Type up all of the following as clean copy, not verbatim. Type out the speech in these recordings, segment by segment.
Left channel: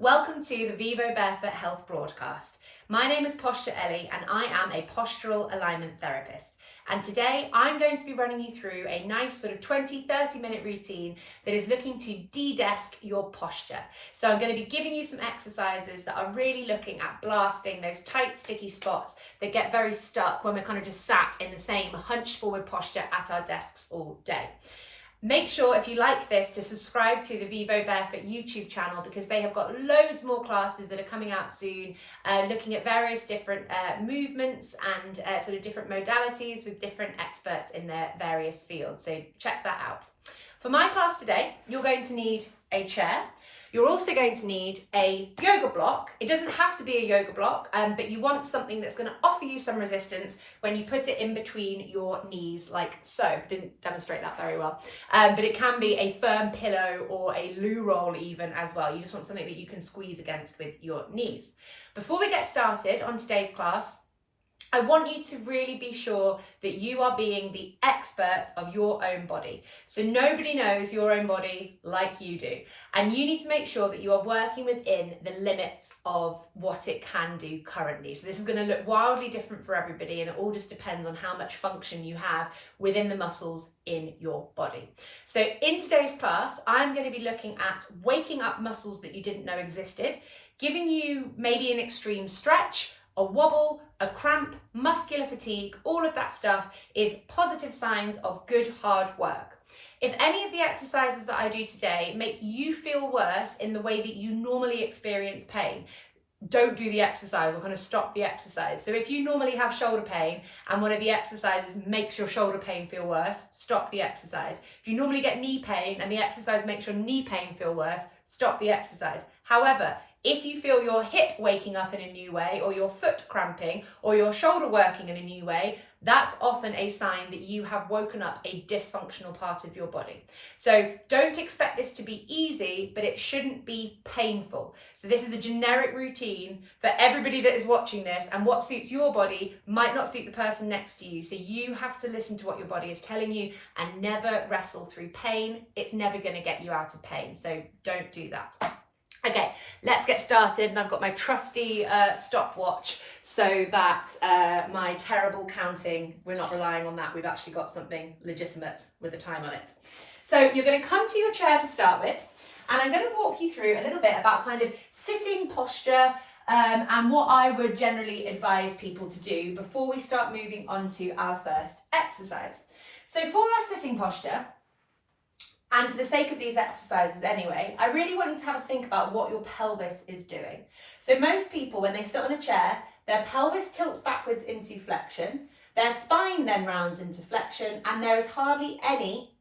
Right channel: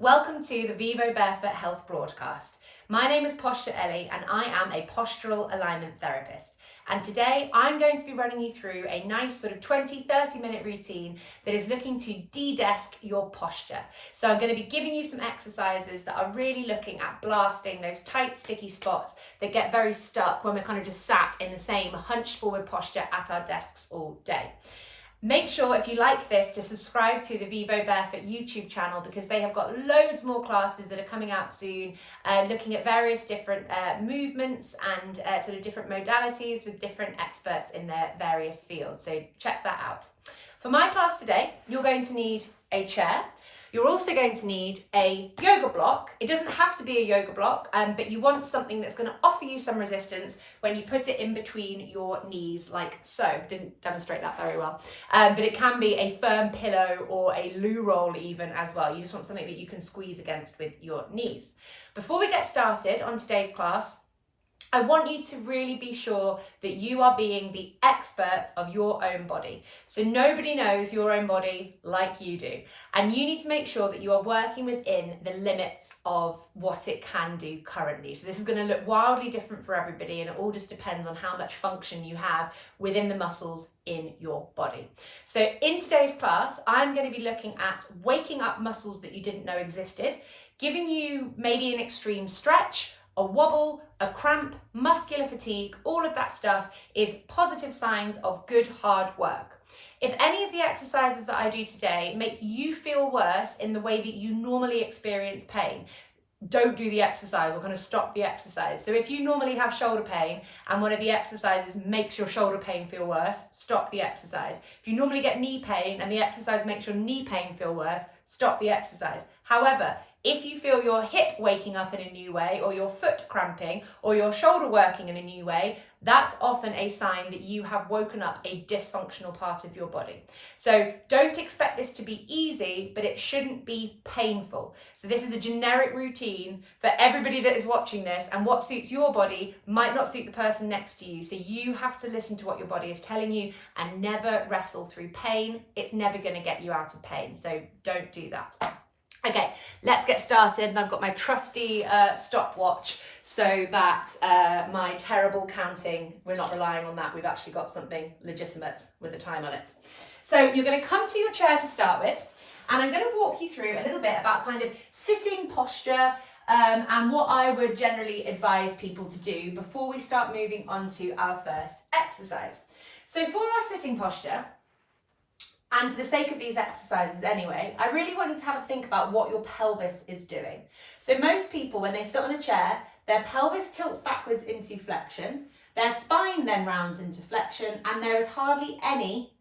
Welcome to the Vivo Barefoot Health Broadcast. My name is Ellie and I am a postural alignment therapist. And today I'm going to be running you through a nice sort of 20-30 minute routine that is looking to de-desk your posture. So I'm going to be giving you some exercises that are really looking at blasting those tight, sticky spots that get very stuck when we're kind of just sat in the same hunched forward posture at our desks all day. Make sure, if you like this, to subscribe to the Vivo Barefoot YouTube channel because they have got loads more classes that are coming out soon, looking at various different movements and sort of different modalities with different experts in their various fields. So check that out. For my class today, you're going to need a chair. You're also going to need a yoga block. It doesn't have to be a yoga block, but you want something that's going to offer you some resistance when you put it in between your knees, like so. Didn't demonstrate that very well, but it can be a firm pillow or a loo roll even as well. You just want something that you can squeeze against with your knees. Before we get started on today's class, I want you to really be sure that you are being the expert of your own body. So nobody knows your own body like you do. And you need to make sure that you are working within the limits of what it can do currently. So this is going to look wildly different for everybody, and it all just depends on how much function you have within the muscles in your body. So in today's class, I'm going to be looking at waking up muscles that you didn't know existed, giving you maybe an extreme stretch, a wobble, a cramp, muscular fatigue. All of that stuff is positive signs of good hard work. If any of the exercises that I do today make you feel worse in the way that you normally experience pain, don't do the exercise or kind of stop the exercise. So if you normally have shoulder pain and one of the exercises makes your shoulder pain feel worse, stop the exercise. If you normally get knee pain and the exercise makes your knee pain feel worse, stop the exercise. However, if you feel your hip waking up in a new way, or your foot cramping, or your shoulder working in a new way, that's often a sign that you have woken up a dysfunctional part of your body. So don't expect this to be easy, but it shouldn't be painful. So this is a generic routine for everybody that is watching this, and what suits your body might not suit the person next to you. So you have to listen to what your body is telling you and never wrestle through pain. It's never going to get you out of pain. So don't do that. Okay, let's get started, and I've got my trusty stopwatch so that my terrible counting, we're not relying on that, we've actually got something legitimate with a time on it. So you're going to come to your chair to start with, and I'm going to walk you through a little bit about kind of sitting posture and what I would generally advise people to do before we start moving on to our first exercise. So for our sitting posture, and for the sake of these exercises anyway, I really want you to have a think about what your pelvis is doing. So most people, when they sit on a chair, their pelvis tilts backwards into flexion, their spine then rounds into flexion, and there is hardly any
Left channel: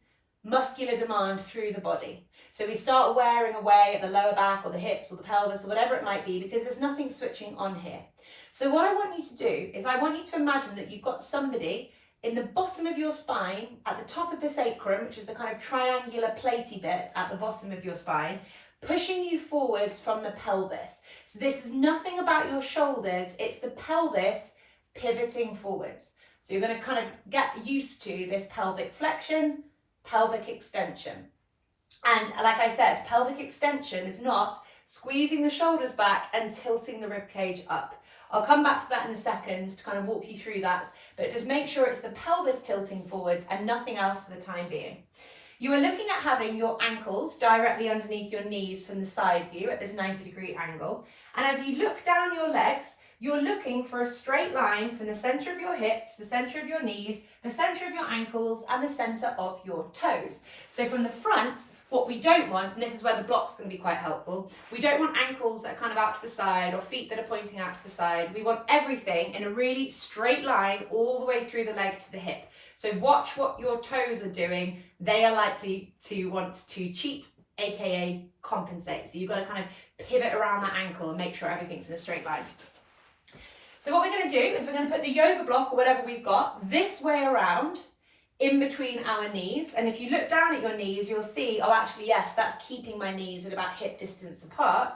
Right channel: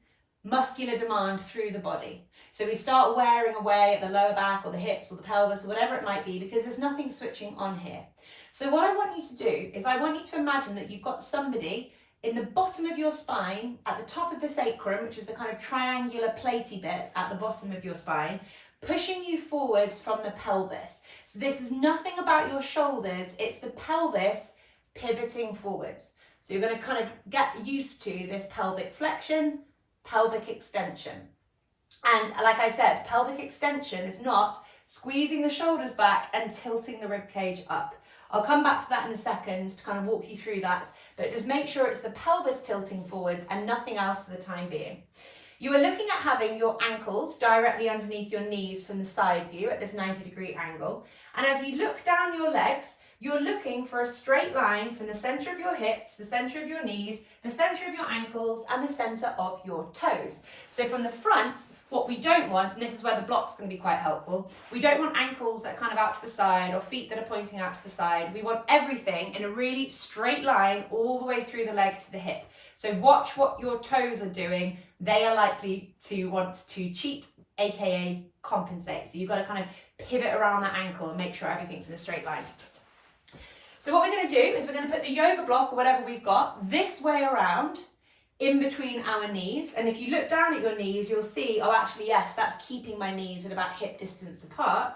muscular demand through the body. So we start wearing away at the lower back or the hips or the pelvis or whatever it might be because there's nothing switching on here. So what I want you to do is I want you to imagine that you've got somebody in the bottom of your spine, at the top of the sacrum, which is the kind of triangular platey bit at the bottom of your spine, pushing you forwards from the pelvis. So this is nothing about your shoulders, it's the pelvis pivoting forwards. So you're going to kind of get used to this pelvic flexion, pelvic extension. And like I said, pelvic extension is not squeezing the shoulders back and tilting the rib cage up. I'll come back to that in a second to kind of walk you through that, but just make sure it's the pelvis tilting forwards and nothing else for the time being. You are looking at having your ankles directly underneath your knees from the side view at this 90-degree angle. And as you look down your legs, you're looking for a straight line from the center of your hips, the center of your knees, the center of your ankles, and the center of your toes. So from the front, what we don't want, and this is where the block's going to be quite helpful, we don't want ankles that are kind of out to the side or feet that are pointing out to the side. We want everything in a really straight line all the way through the leg to the hip. So watch what your toes are doing. They are likely to want to cheat, aka compensate. So you've got to kind of pivot around that ankle and make sure everything's in a straight line. So what we're going to do is we're going to put the yoga block or whatever we've got this way around in between our knees. And if you look down at your knees, you'll see, oh, actually, yes, that's keeping my knees at about hip distance apart.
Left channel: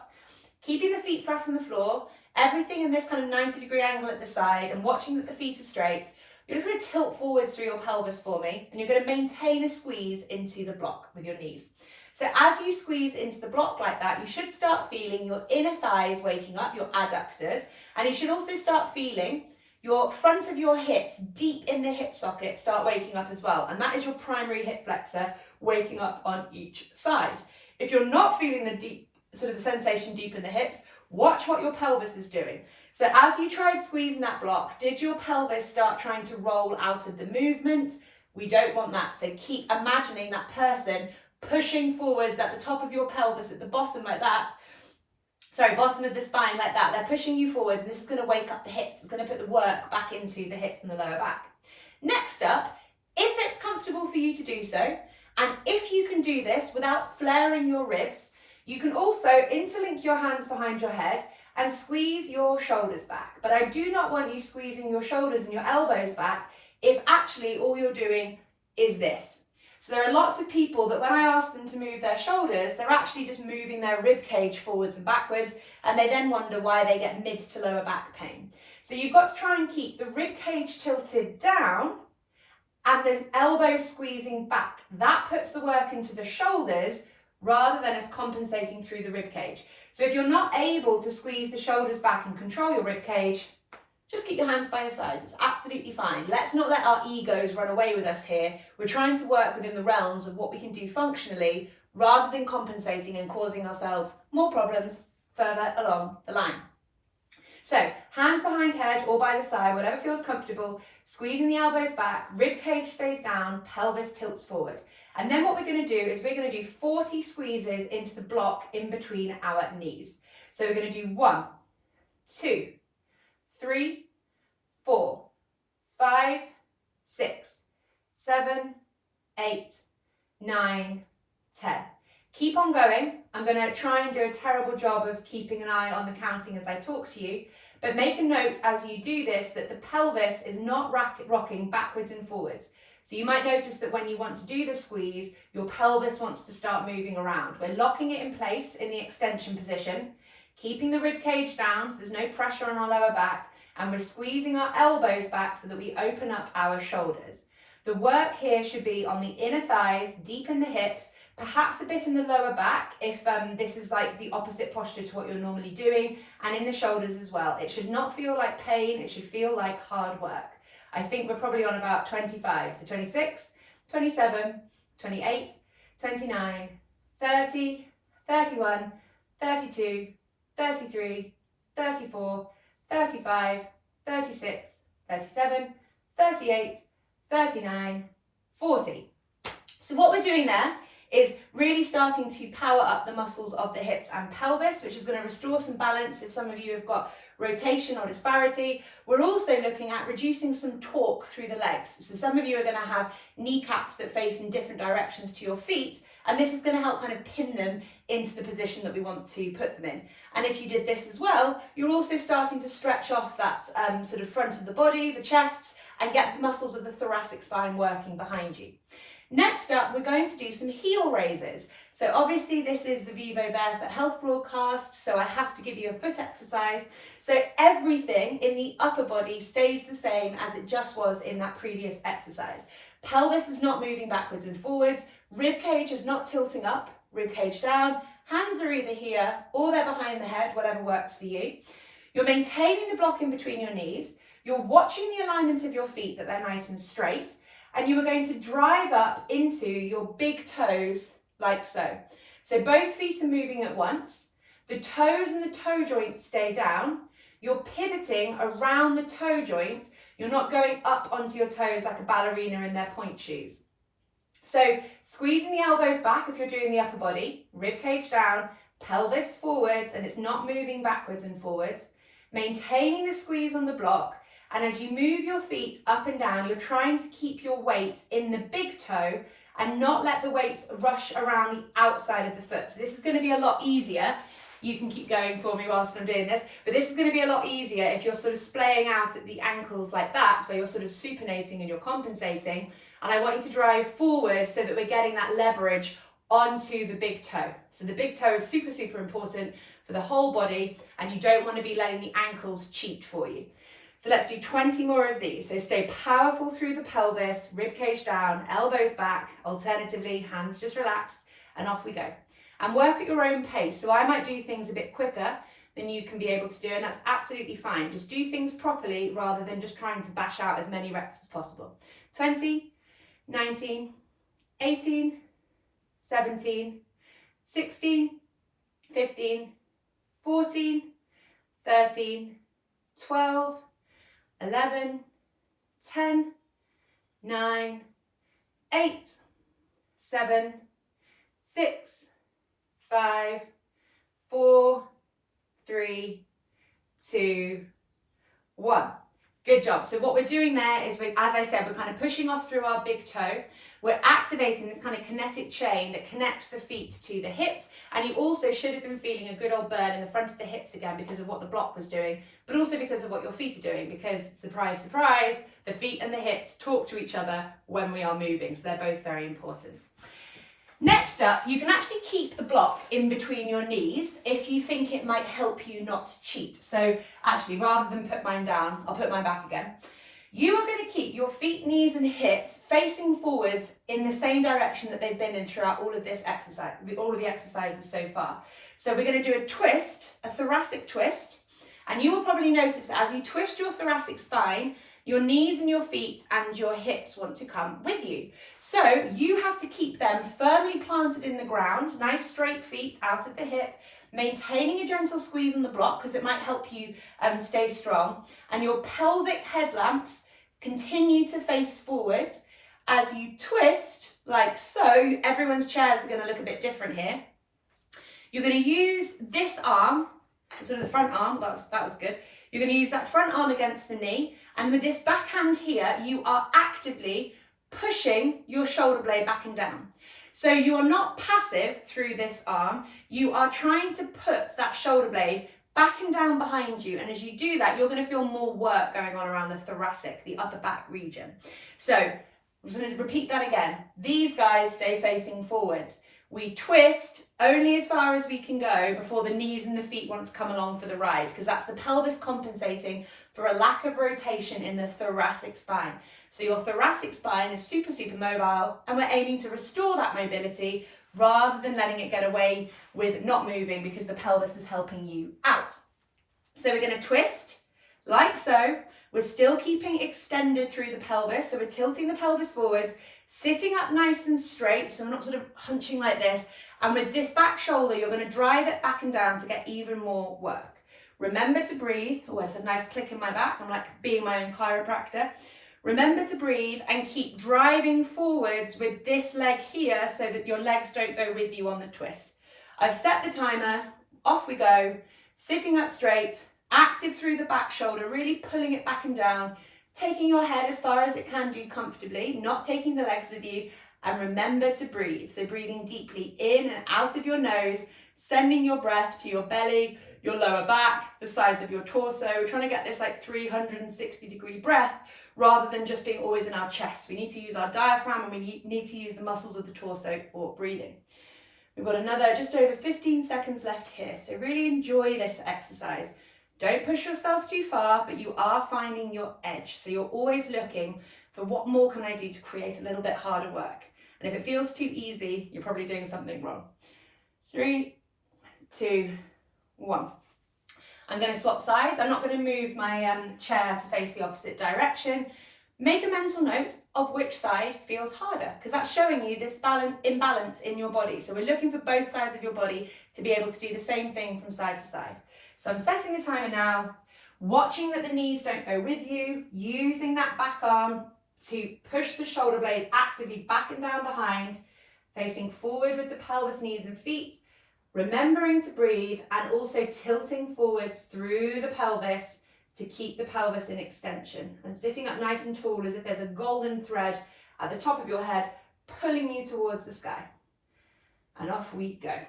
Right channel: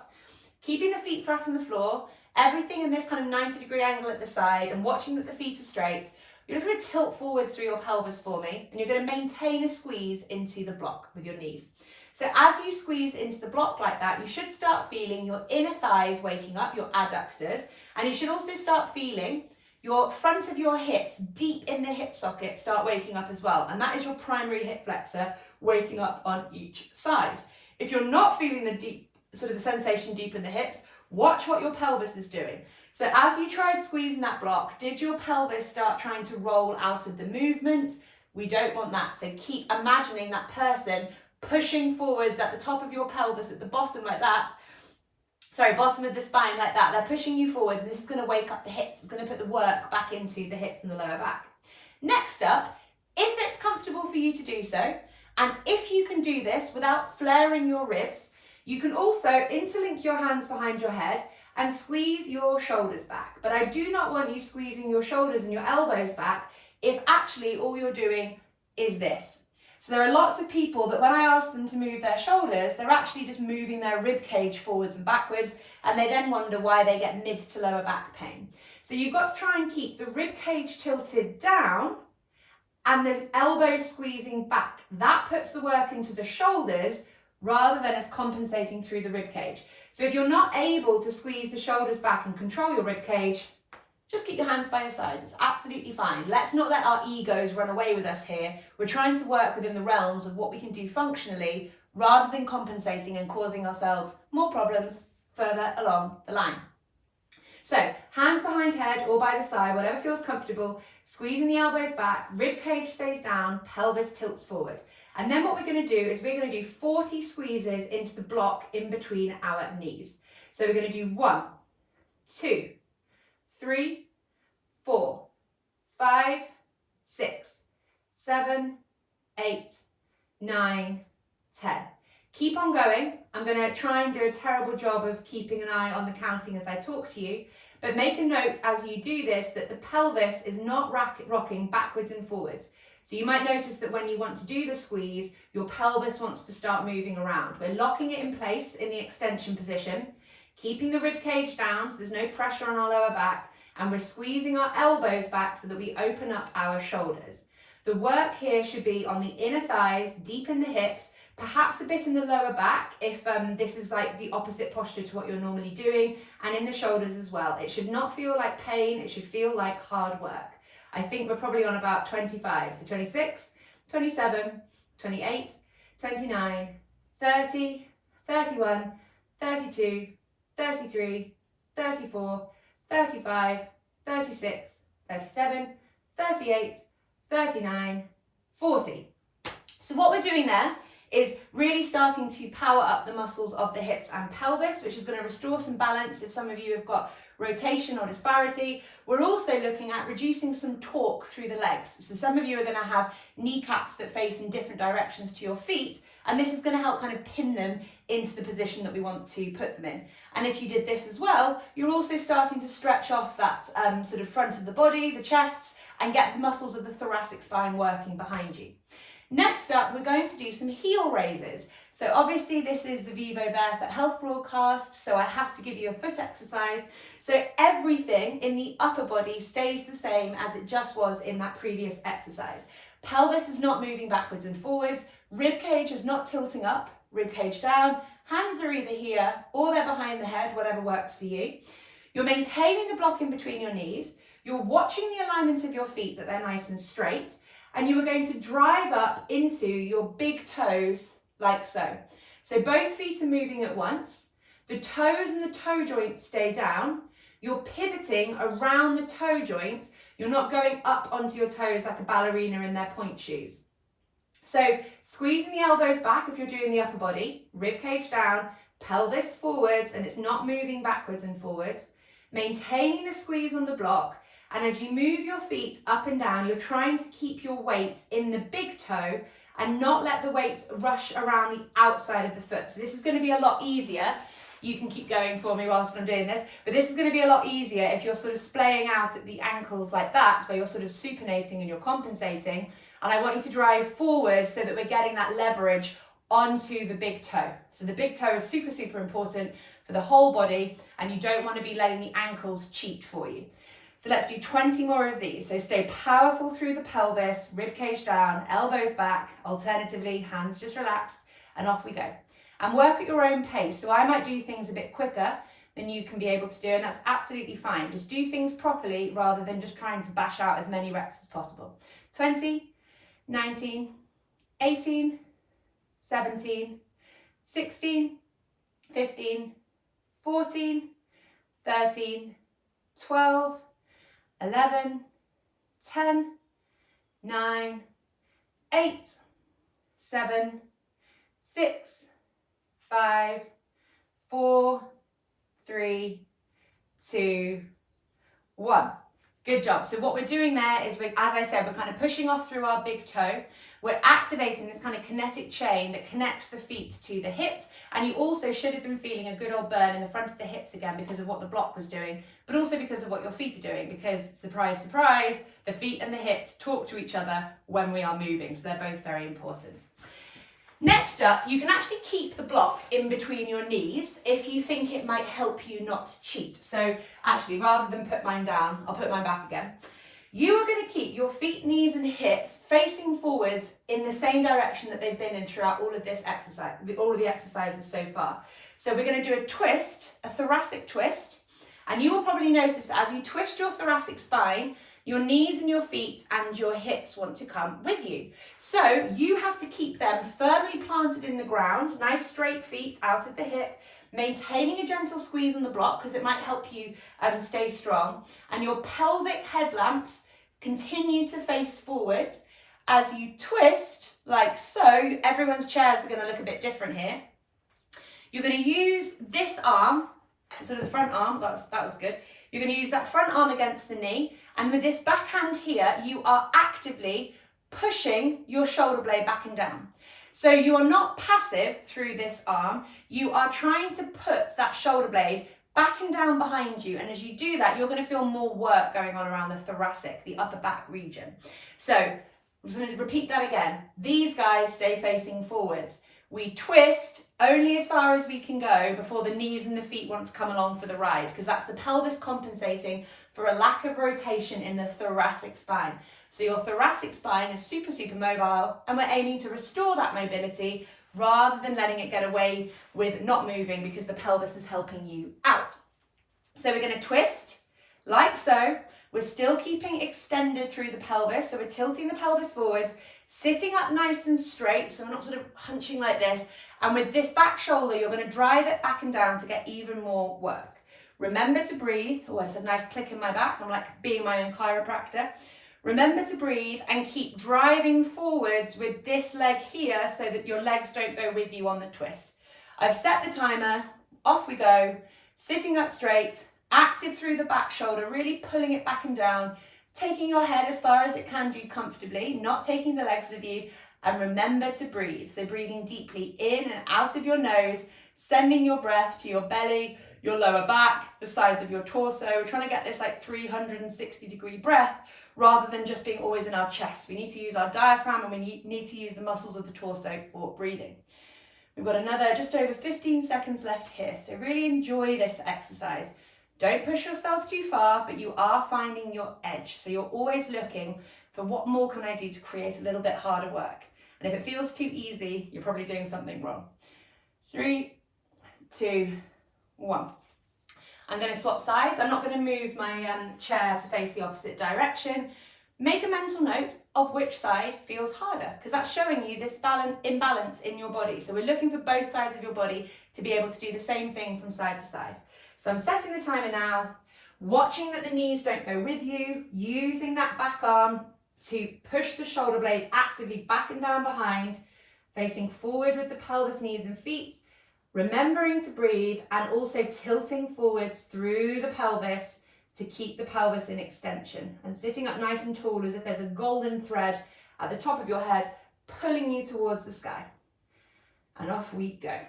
Keeping the feet flat on the floor, everything in this kind of 90-degree angle at the side, and watching that the feet are straight. You're just going to tilt forwards through your pelvis for me, and you're going to maintain a squeeze into the block with your knees. So as you squeeze into the block like that, you should start feeling your inner thighs waking up, your adductors, and you should also start feeling your front of your hips, deep in the hip socket, start waking up as well. And that is your primary hip flexor waking up on each side. If you're not feeling the deep, sort of the sensation deep in the hips, watch what your pelvis is doing. So as you tried squeezing that block, did your pelvis start trying to roll out of the movement? We don't want that. So keep imagining that person pushing forwards at the top of your pelvis, at the bottom like that. Sorry, bottom of the spine like that. They're pushing you forwards, and this is going to wake up the hips. It's going to put the work back into the hips and the lower back. Next up, if it's comfortable for you to do so, and if you can do this without flaring your ribs, you can also interlink your hands behind your head and squeeze your shoulders back. But I do not want you squeezing your shoulders and your elbows back if actually all you're doing is this. So there are lots of people that when I ask them to move their shoulders, they're actually just moving their rib cage forwards and backwards, and they then wonder why they get mid to lower back pain. So you've got to try and keep the rib cage tilted down and the elbows squeezing back. That puts the work into the shoulders rather than us compensating through the rib cage. So if you're not able to squeeze the shoulders back and control your rib cage, just keep your hands by your sides. It's absolutely fine. Let's not let our egos run away with us here. We're trying to work within the realms of what we can do functionally rather than compensating and causing ourselves more problems further along the line. So hands behind head or by the side, whatever feels comfortable, squeezing the elbows back, rib cage stays down, pelvis tilts forward. And then what we're going to do is we're going to do 40 squeezes into the block in between our knees. So we're going to do 1, 2, 3, 4, 5, 6, 7, 8, 9, 10. Keep on going. I'm going to try and do a terrible job of keeping an eye on the counting as I talk to you, but make a note as you do this that the pelvis is not rocking backwards and forwards. So you might notice that when you want to do the squeeze, your pelvis wants to start moving around. We're locking it in place in the extension position, keeping the rib cage down so there's no pressure on our lower back, and we're squeezing our elbows back so that we open up our shoulders. The work here should be on the inner thighs, deep in the hips, perhaps a bit in the lower back if this is like the opposite posture to what you're normally doing, and in the shoulders as well. It should not feel like pain, it should feel like hard work. I think we're probably on about 25, so 26, 27, 28, 29, 30, 31, 32, 33, 34, 35, 36, 37, 38, 39, 40. So what we're doing there is really starting to power up the muscles of the hips and pelvis, which is going to restore some balance if some of you have got rotation or disparity. We're also looking at reducing some torque through the legs. So some of you are going to have kneecaps that face in different directions to your feet, and this is going to help kind of pin them into the position that we want to put them in. And if you did this as well, you're also starting to stretch off that sort of front of the body, the chest, and get the muscles of the thoracic spine working behind you. Next up, we're going to do some heel raises. So obviously this is the Vivo Barefoot Health broadcast, so I have to give you a foot exercise. So everything in the upper body stays the same as it just was in that previous exercise. Pelvis is not moving backwards and forwards, rib cage is not tilting up, rib cage down, hands are either here or they're behind the head, whatever works for you. You're maintaining the block in between your knees, you're watching the alignment of your feet that they're nice and straight, and you are going to drive up into your big toes like so. So both feet are moving at once, the toes and the toe joints stay down, you're pivoting around the toe joints, you're not going up onto your toes like a ballerina in their point shoes. So squeezing the elbows back if you're doing the upper body, rib cage down, pelvis forwards, and it's not moving backwards and forwards, maintaining the squeeze on the block. And as you move your feet up and down, you're trying to keep your weight in the big toe and not let the weight rush around the outside of the foot. So this is going to be a lot easier. You can keep going for me whilst I'm doing this, but this is going to be a lot easier if you're sort of splaying out at the ankles like that, where you're sort of supinating and you're compensating. And I want you to drive forward so that we're getting that leverage onto the big toe. So the big toe is super, super important for the whole body, and you don't want to be letting the ankles cheat for you. So let's do 20 more of these. So stay powerful through the pelvis, rib cage down, elbows back, alternatively, hands just relaxed, and off we go. And work at your own pace. So I might do things a bit quicker than you can be able to do, and that's absolutely fine. Just do things properly rather than just trying to bash out as many reps as possible. 20, 19, 18, 17, 16, 15, 14, 13, 12, 11, 10, 9, 8, 7, 6, 5, 4, 3, 2, 1. Good job. So what we're doing there is, as I said, we're kind of pushing off through our big toe. We're activating this kind of kinetic chain that connects the feet to the hips. And you also should have been feeling a good old burn in the front of the hips again because of what the block was doing, but also because of what your feet are doing, because surprise, surprise, the feet and the hips talk to each other when we are moving. So they're both very important. Next up, you can actually keep the block in between your knees if you think it might help you not to cheat. So actually, rather than put mine down, I'll put mine back again. You are going to keep your feet, knees and hips facing forwards in the same direction that they've been in throughout all of this exercise, all of the exercises so far. So we're going to do a twist, a thoracic twist, and you will probably notice that as you twist your thoracic spine, your knees and your feet and your hips want to come with you. So you have to keep them firmly planted in the ground, nice straight feet out at the hip, maintaining a gentle squeeze on the block because it might help you stay strong. And your pelvic headlamps continue to face forwards as you twist like so. Everyone's chairs are going to look a bit different here. You're going to use this arm, sort of the front arm, that was good. You're going to use that front arm against the knee, and with this backhand here, you are actively pushing your shoulder blade back and down. So you are not passive through this arm, you are trying to put that shoulder blade back and down behind you, and as you do that, you're going to feel more work going on around the thoracic, the upper back region. So I'm just going to repeat that again. These guys stay facing forwards. We twist only as far as we can go before the knees and the feet want to come along for the ride, because that's the pelvis compensating for a lack of rotation in the thoracic spine. So your thoracic spine is super, super mobile, and we're aiming to restore that mobility rather than letting it get away with not moving because the pelvis is helping you out. So we're going to twist like so. We're still keeping extended through the pelvis, so we're tilting the pelvis forwards, sitting up nice and straight, so we're not sort of hunching like this. And with this back shoulder, you're going to drive it back and down to get even more work. Remember to breathe. Oh, it's a nice click in my back. I'm like being my own chiropractor. Remember to breathe and keep driving forwards with this leg here so that your legs don't go with you on the twist. I've set the timer. Off we go. Sitting up straight, active through the back shoulder, really pulling it back and down, taking your head as far as it can do comfortably, not taking the legs with you, and remember to breathe. So breathing deeply in and out of your nose, sending your breath to your belly, your lower back, the sides of your torso. We're trying to get this like 360-degree breath rather than just being always in our chest. We need to use our diaphragm and we need to use the muscles of the torso for breathing. We've got another just over 15 seconds left here. So really enjoy this exercise. Don't push yourself too far, but you are finding your edge. So you're always looking for what more can I do to create a little bit harder work. And if it feels too easy, you're probably doing something wrong. 3, 2, 1. I'm going to swap sides. I'm not going to move my chair to face the opposite direction. Make a mental note of which side feels harder, because that's showing you this imbalance in your body. So we're looking for both sides of your body to be able to do the same thing from side to side. So I'm setting the timer now, watching that the knees don't go with you, using that back arm to push the shoulder blade actively back and down behind, facing forward with the pelvis, knees and feet, remembering to breathe and also tilting forwards through the pelvis to keep the pelvis in extension and sitting up nice and tall as if there's a golden thread at the top of your head pulling you towards the sky. And off we go.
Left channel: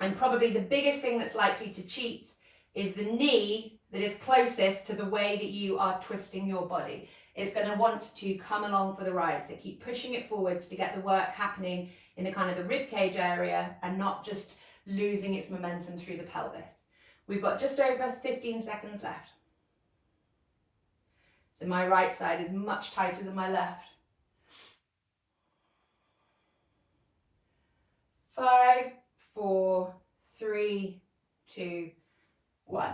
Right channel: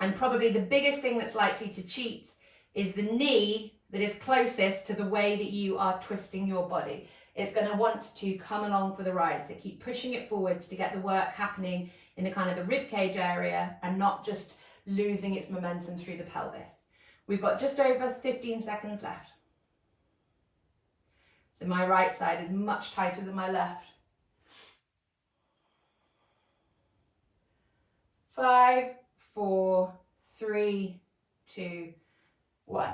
And probably the biggest thing that's likely to cheat is the knee that is closest to the way that you are twisting your body. It's going to want to come along for the ride. So keep pushing it forwards to get the work happening in the kind of the rib cage area and not just losing its momentum through the pelvis. We've got just over 15 seconds left. So my right side is much tighter than my left. 5, 4, 3, 2, 1.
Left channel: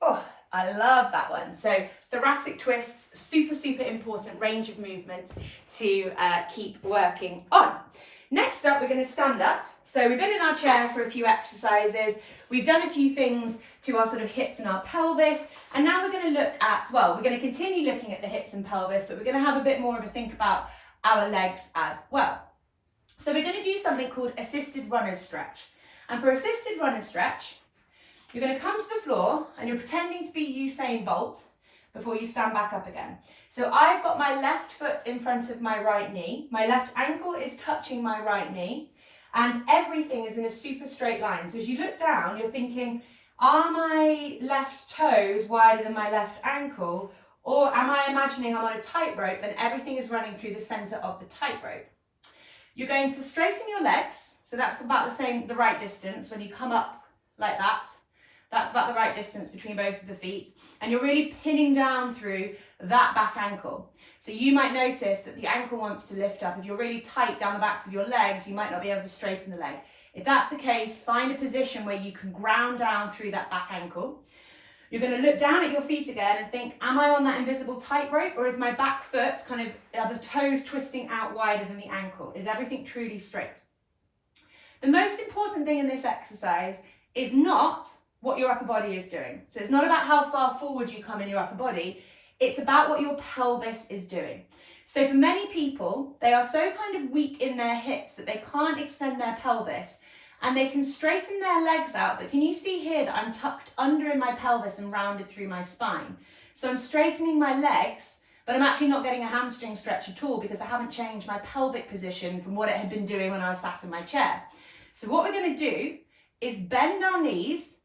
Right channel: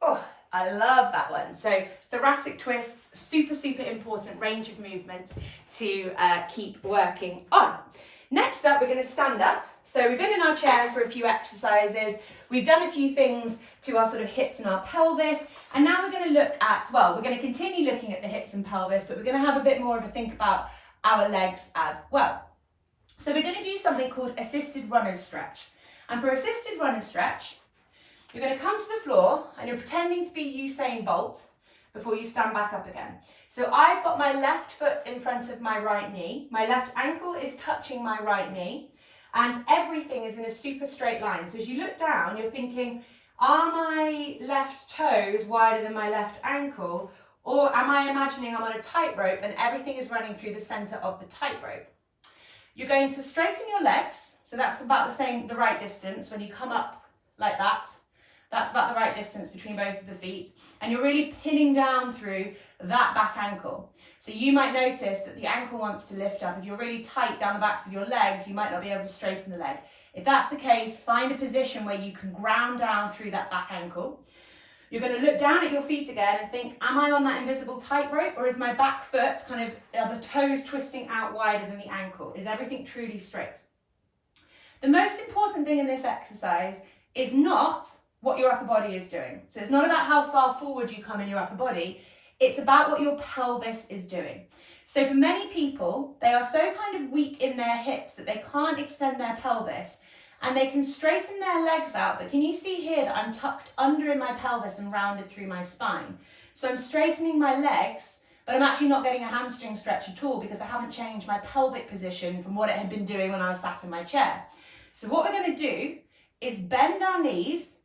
Oh, I love that one. So thoracic twists, super, super important range of movements to keep working on. Next up, we're going to stand up. So we've been in our chair for a few exercises. We've done a few things to our sort of hips and our pelvis. And now we're going to look at, well, we're going to continue looking at the hips and pelvis, but we're going to have a bit more of a think about our legs as well. So we're going to do something called assisted runner's stretch. And for assisted runner's stretch, you're going to come to the floor and you're pretending to be Usain Bolt before you stand back up again. So I've got my left foot in front of my right knee. My left ankle is touching my right knee and everything is in a super straight line. So as you look down, you're thinking, are my left toes wider than my left ankle? Or am I imagining I'm on a tightrope and everything is running through the center of the tightrope? You're going to straighten your legs. So that's about the right distance when you come up like that. That's about the right distance between both of the feet. And you're really pinning down through that back ankle. So you might notice that the ankle wants to lift up. If you're really tight down the backs of your legs, you might not be able to straighten the leg. If that's the case, find a position where you can ground down through that back ankle. You're going to look down at your feet again and think, am I on that invisible tightrope, or is my back foot are the toes twisting out wider than the ankle? Is everything truly straight? The most important thing in this exercise is not what your upper body is doing. So it's not about how far forward you come in your upper body, it's about what your pelvis is doing. So for many people, they are so kind of weak in their hips that they can't extend their pelvis and they can straighten their legs out. But can you see here that I'm tucked under in my pelvis and rounded through my spine? So I'm straightening my legs, but I'm actually not getting a hamstring stretch at all because I haven't changed my pelvic position from what it had been doing when I was sat in my chair. So what we're going to do is bend our knees,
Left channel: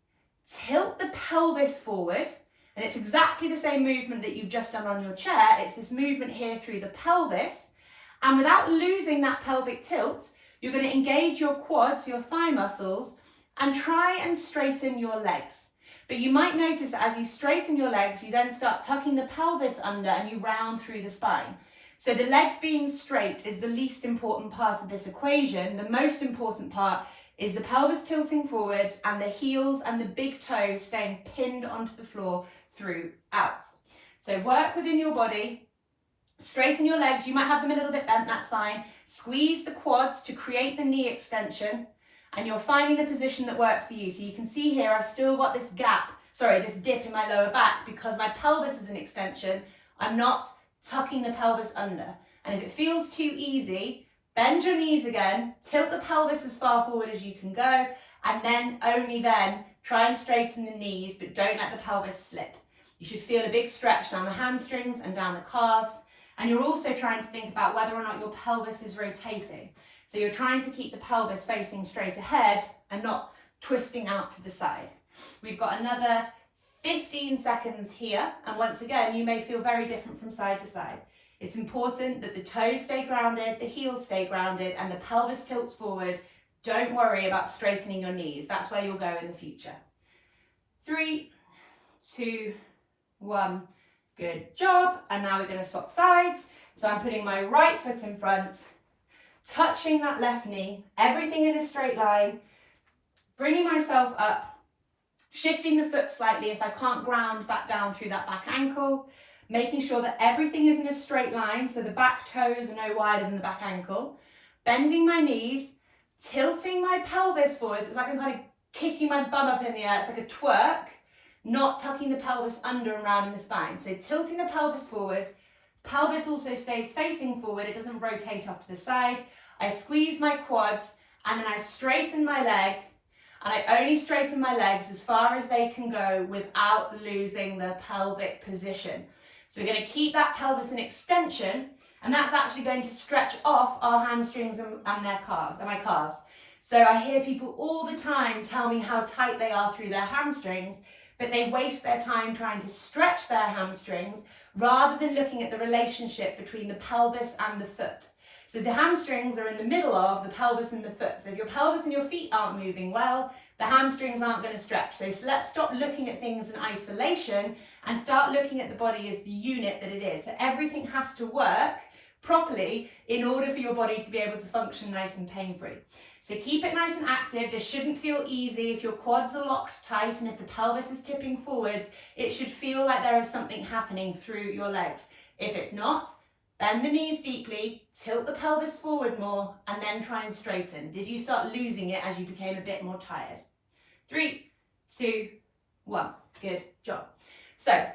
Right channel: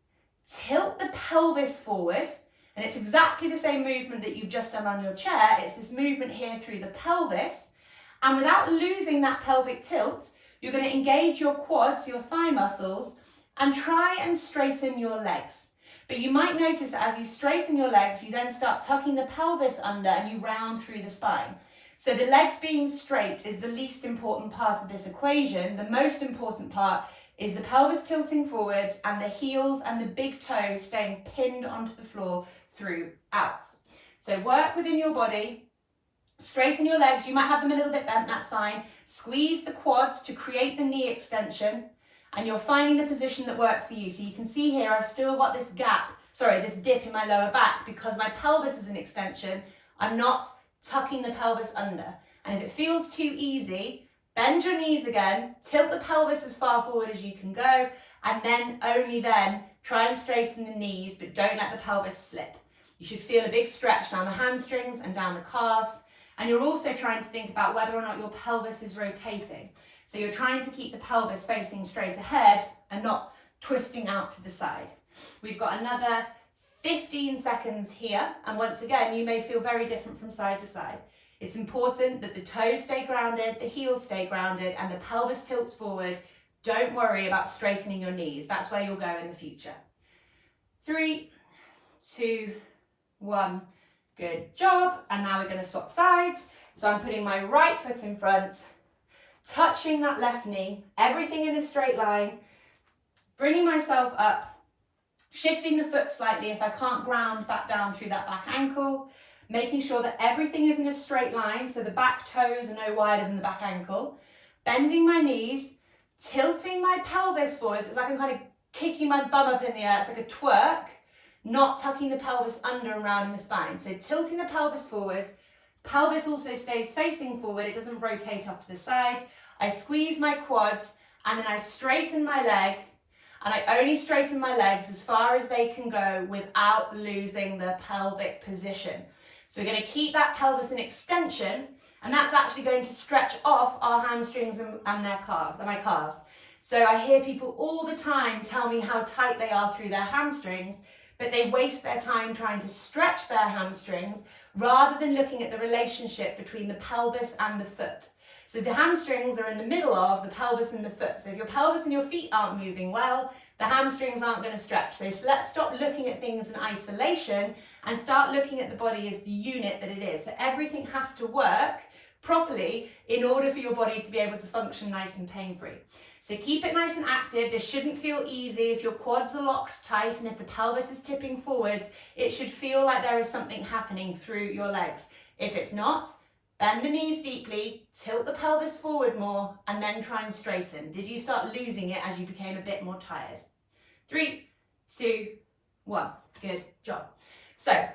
tilt the pelvis forward, and it's exactly the same movement that you've just done on your chair. It's this movement here through the pelvis, and without losing that pelvic tilt, you're going to engage your quads, your thigh muscles, and try and straighten your legs. But you might notice that as you straighten your legs, you then start tucking the pelvis under and you round through the spine. So the legs being straight is the least important part of this equation. The most important part is the pelvis tilting forwards and the heels and the big toes staying pinned onto the floor throughout. So work within your body, straighten your legs. You might have them a little bit bent, that's fine. Squeeze the quads to create the knee extension, and you're finding the position that works for you. So you can see here, I've still got this this dip in my lower back because my pelvis is an extension. I'm not tucking the pelvis under. And if it feels too easy, bend your knees again, tilt the pelvis as far forward as you can go, and then only then try and straighten the knees, but don't let the pelvis slip. You should feel a big stretch down the hamstrings and down the calves. And you're also trying to think about whether or not your pelvis is rotating. So you're trying to keep the pelvis facing straight ahead and not twisting out to the side. We've got another 15 seconds here. And once again, you may feel very different from side to side. It's important that the toes stay grounded, the heels stay grounded, and the pelvis tilts forward. Don't worry about straightening your knees. That's where you'll go in the future. 3, 2, 1. Good job. And now we're going to swap sides. So I'm putting my right foot in front, touching that left knee, everything in a straight line, bringing myself up, shifting the foot slightly if I can't ground back down through that back ankle, making sure that everything is in a straight line, so the back toes are no wider than the back ankle, bending my knees, tilting my pelvis forwards. It's like I'm kind of kicking my bum up in the air. It's like a twerk, not tucking the pelvis under and round in the spine. So tilting the pelvis forward, pelvis also stays facing forward. It doesn't rotate off to the side. I squeeze my quads and then I straighten my leg, and I only straighten my legs as far as they can go without losing the pelvic position. So we're going to keep that pelvis in extension, and that's actually going to stretch off our hamstrings and their calves, and my calves. So I hear people all the time tell me how tight they are through their hamstrings, but they waste their time trying to stretch their hamstrings rather than looking at the relationship between the pelvis and the foot. So the hamstrings are in the middle of the pelvis and the foot. So if your pelvis and your feet aren't moving well, the hamstrings aren't going to stretch. So let's stop looking at things in isolation and start looking at the body as the unit that it is. So everything has to work properly in order for your body to be able to function nice and pain-free. So keep it nice and active. This shouldn't feel easy. If your quads are locked tight and if the pelvis is tipping forwards, it should feel like there is something happening through your legs. If it's not, bend the knees deeply, tilt the pelvis forward more, and then try and straighten. Did you start losing it as you became a bit more tired? 3, 2, 1. Good job. So,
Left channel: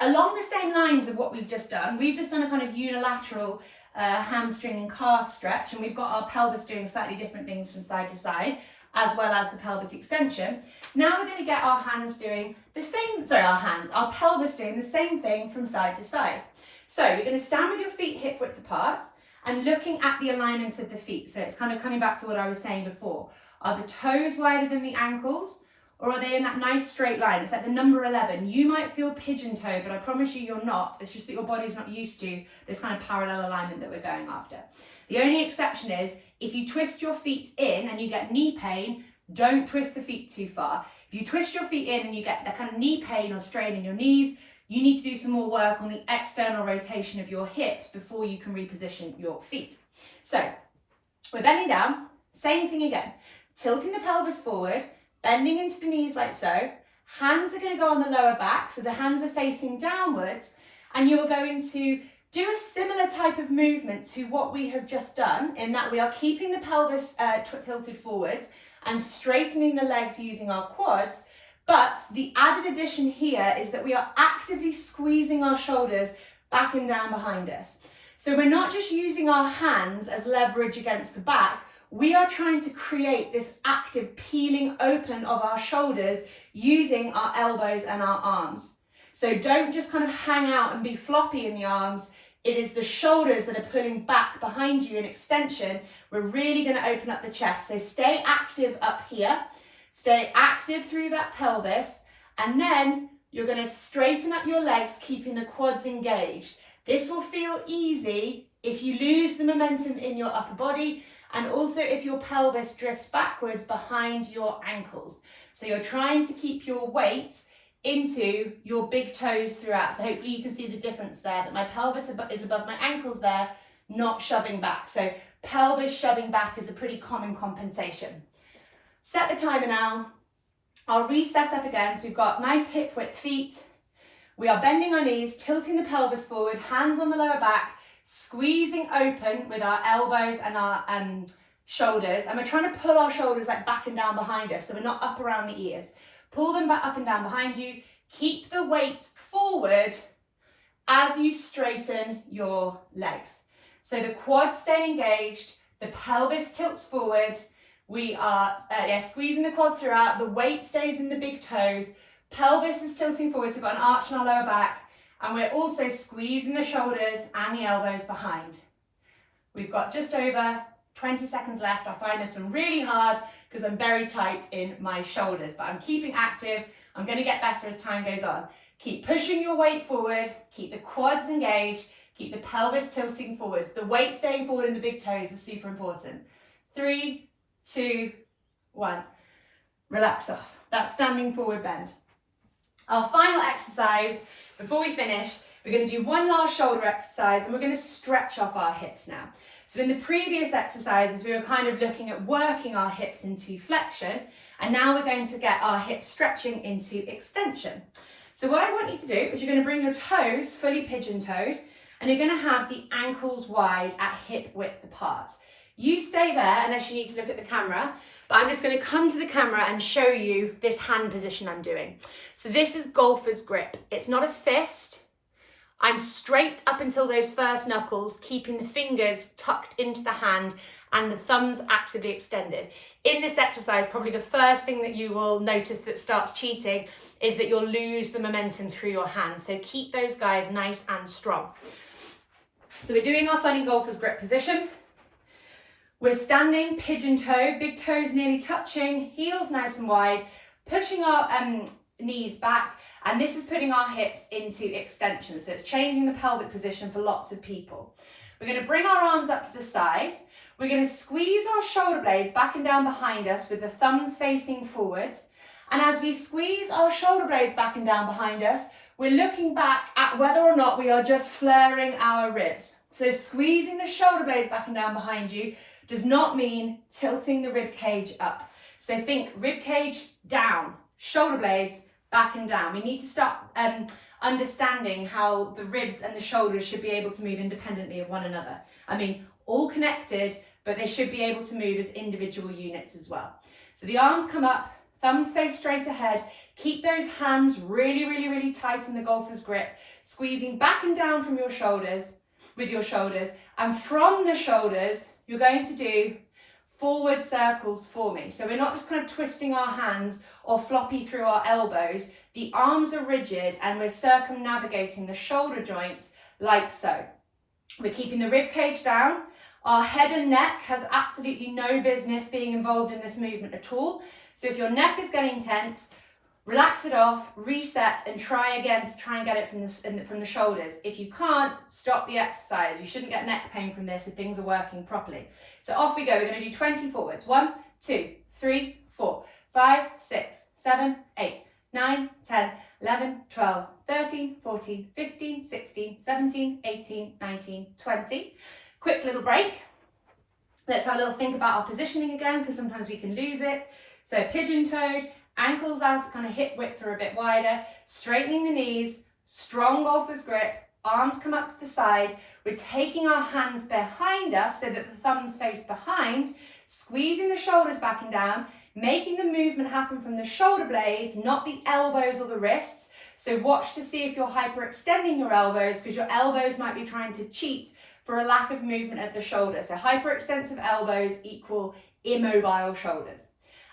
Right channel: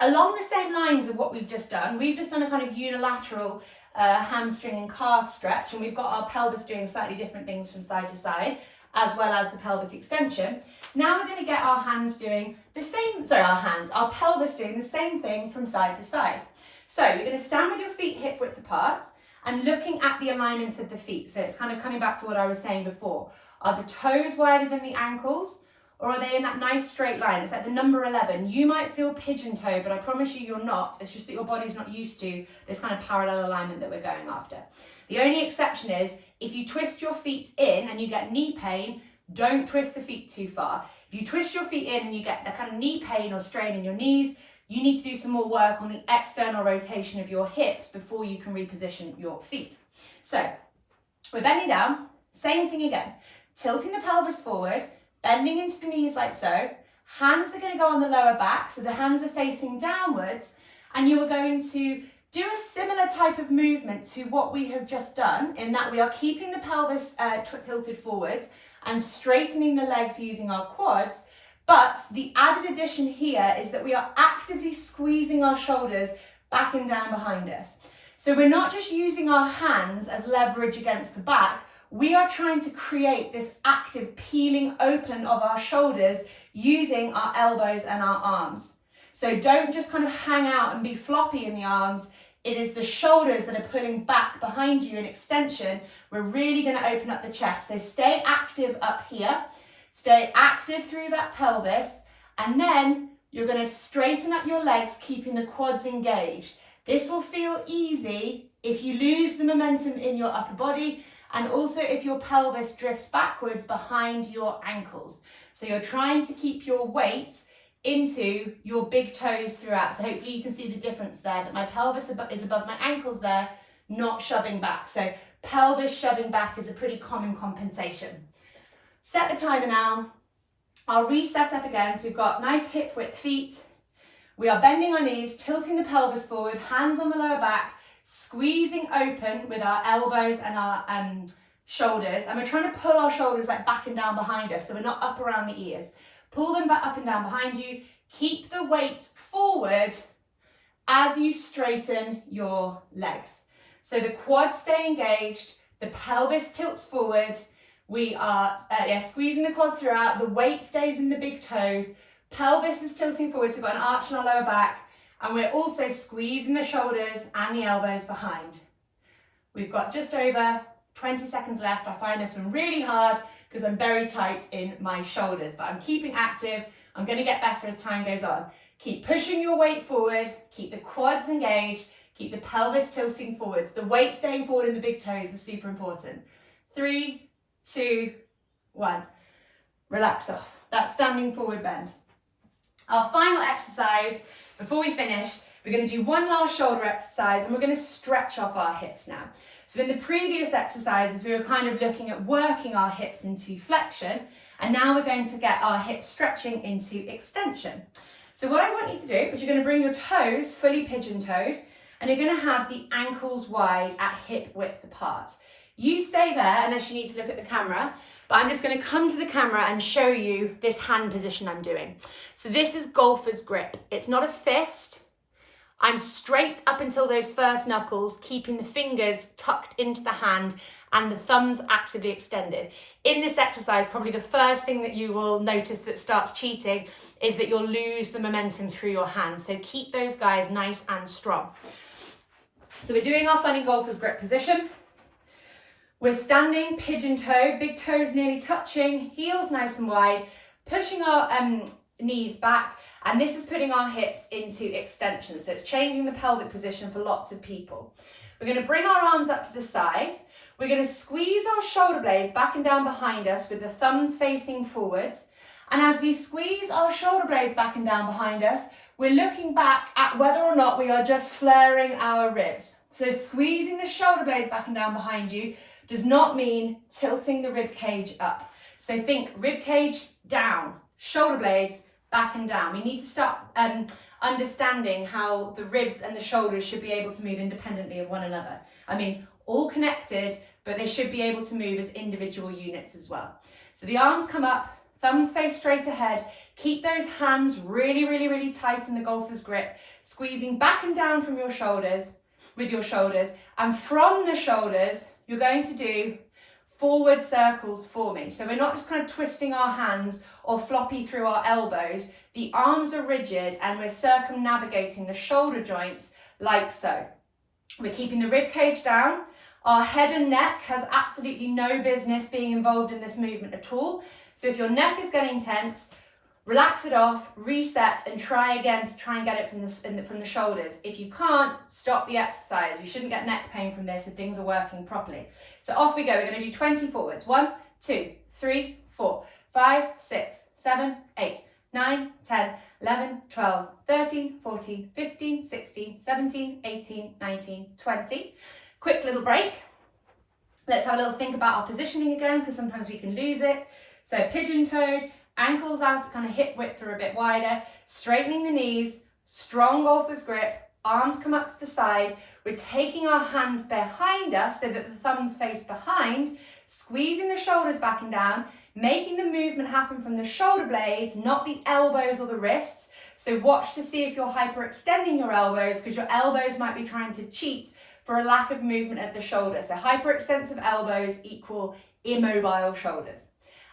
along the same lines of what we've just done a kind of unilateral hamstring and calf stretch, and we've got our pelvis doing slightly different things from side to side, as well as the pelvic extension. Now we're going to get our hands doing the same, our pelvis doing the same thing from side to side. So you're going to stand with your feet hip width apart and looking at the alignment of the feet. So it's kind of coming back to what I was saying before. Are the toes wider than the ankles? Or are they in that nice straight line? It's like the number 11. You might feel pigeon-toed, but I promise you you're not. It's just that your body's not used to this kind of parallel alignment that we're going after. The only exception is if you twist your feet in and you get knee pain, don't twist the feet too far. If you twist your feet in and you get that kind of knee pain or strain in your knees, you need to do some more work on the external rotation of your hips before you can reposition your feet. So we're bending down, same thing again. Tilting the pelvis forward, bending into the knees like so. Hands are going to go on the lower back, so the hands are facing downwards, and you are going to do a similar type of movement to what we have just done, in that we are keeping the pelvis tilted forwards and straightening the legs using our quads, but the added addition here is that we are actively squeezing our shoulders back and down behind us. So we're not just using our hands as leverage against the back, we are trying to create this active peeling open of our shoulders using our elbows and our arms. So don't just kind of hang out and be floppy in the arms. It is the shoulders that are pulling back behind you in extension. We're really going to open up the chest. So stay active up here. Stay active through that pelvis. And then you're going to straighten up your legs, keeping the quads engaged. This will feel easy if you lose the momentum in your upper body, and also if your pelvis drifts backwards behind your ankles. So you're trying to keep your weight into your big toes throughout. So hopefully you can see the difference there, that my pelvis is above my ankles there, not shoving back. So pelvis shoving back is a pretty common compensation. Set the timer now. I'll reset up again. So we've got nice hip width feet. We are bending our knees, tilting the pelvis forward, hands on the lower back, squeezing open with our elbows and our shoulders. And we're trying to pull our shoulders like back and down behind us, so we're not up around the ears. Pull them back up and down behind you. Keep the weight forward as you straighten your legs. So the quads stay engaged, the pelvis tilts forward. We are squeezing the quads throughout, the weight stays in the big toes, pelvis is tilting forward, so we've got an arch in our lower back, and we're also squeezing the shoulders and the elbows behind. We've got just over 20 seconds left. I find this one really hard because I'm very tight in my shoulders, but I'm keeping active. I'm going to get better as time goes on. Keep pushing your weight forward, keep the quads engaged, keep the pelvis tilting forwards. The weight staying forward in the big toes is super important. 3, 2, 1. Relax off. That's standing forward bend. Our final exercise, before we finish, we're going to do one last shoulder exercise and we're going to stretch off our hips now. So in the previous exercises, we were kind of looking at working our hips into flexion, and now we're going to get our hips stretching into extension. So what I want you to do is you're going to bring your toes fully pigeon-toed, and you're going to have the ankles wide at hip width apart. You stay there unless you need to look at the camera, but I'm just going to come to the camera and show you this hand position I'm doing. So this is golfer's grip. It's not a fist. I'm straight up until those first knuckles, keeping the fingers tucked into the hand and the thumbs actively extended. In this exercise, probably the first thing that you will notice that starts cheating is that you'll lose the momentum through your hands. So keep those guys nice and strong. So we're doing our funny golfer's grip position. We're standing pigeon-toed, big toes nearly touching, heels nice and wide, pushing our knees back, and this is putting our hips into extension. So it's changing the pelvic position for lots of people. We're going to bring our arms up to the side. We're going to squeeze our shoulder blades back and down behind us with the thumbs facing forwards. And as we squeeze our shoulder blades back and down behind us, we're looking back at whether or not we are just flaring our ribs. So squeezing the shoulder blades back and down behind you, does not mean tilting the rib cage up. So think rib cage down, shoulder blades back and down. We need to start understanding how the ribs and the shoulders should be able to move independently of one another. I mean, all connected, but they should be able to move as individual units as well. So the arms come up, thumbs face straight ahead. Keep those hands really, really, really tight in the golfer's grip, squeezing back and down from your shoulders, with your shoulders. And from the shoulders, you're going to do forward circles for me. So we're not just kind of twisting our hands or floppy through our elbows. The arms are rigid and we're circumnavigating the shoulder joints like so. We're keeping the rib cage down. Our head and neck has absolutely no business being involved in this movement at all. So if your neck is getting tense, relax it off, reset, and try again to try and get it from the shoulders. If you can't, stop the exercise. You shouldn't get neck pain from this if things are working properly. So off we go. We're going to do 20 forwards. 1, 2, 3, 4, 5, 6, 7, 8, 9, 10, 11, 12, 13, 14, 15, 16, 17, 18, 19, 20. Quick little break. Let's have a little think about our positioning again, because sometimes we can lose it. So pigeon-toed, ankles out, kind of hip width are a bit wider, straightening the knees, strong golfer's grip, arms come up to the side. We're taking our hands behind us so that the thumbs face behind, squeezing the shoulders back and down, making the movement happen from the shoulder blades, not the elbows or the wrists. So watch to see if you're hyperextending your elbows, because your elbows might be trying to cheat for a lack of movement at the shoulder. So hyperextensive elbows equal immobile shoulders.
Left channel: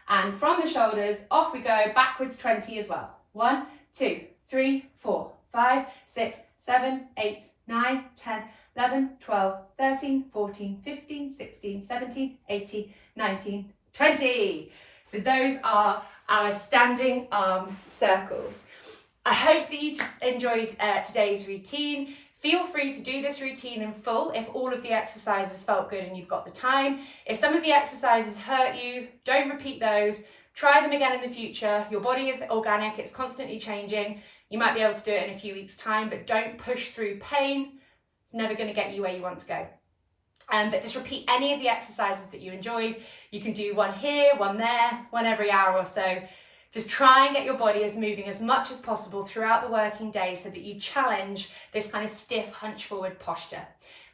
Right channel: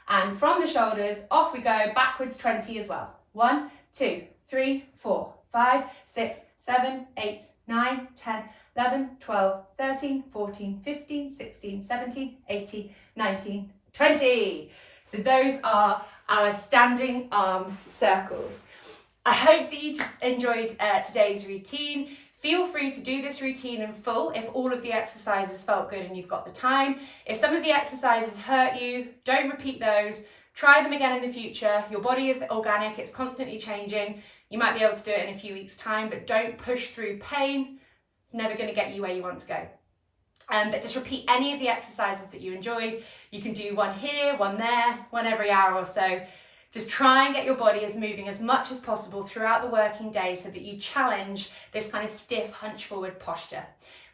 And from the shoulders, off we go, backwards 20 as well. 1, 2, 3, 4, 5, 6, 7, 8, 9, 10, 11, 12, 13, 14, 15, 16, 17, 18, 19, 20. So those are our standing arm circles. I hope that you enjoyed today's routine. Feel free to do this routine in full if all of the exercises felt good and you've got the time. If some of the exercises hurt you, don't repeat those. Try them again in the future. Your body is organic, it's constantly changing. You might be able to do it in a few weeks' time, but don't push through pain. It's never going to get you where you want to go. But just repeat any of the exercises that you enjoyed. You can do one here, one there, one every hour or so. Just try and get your body as moving as much as possible throughout the working day so that you challenge this kind of stiff hunch forward posture.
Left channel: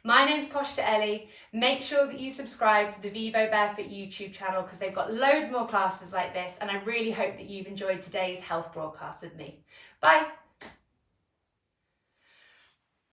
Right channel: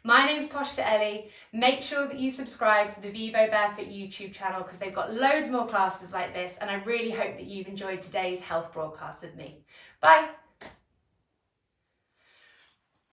My name's Ellie. Make sure that you subscribe to the Vivo Barefoot YouTube channel, because they've got loads more classes like this, and I really hope that you've enjoyed today's health broadcast with me. Bye.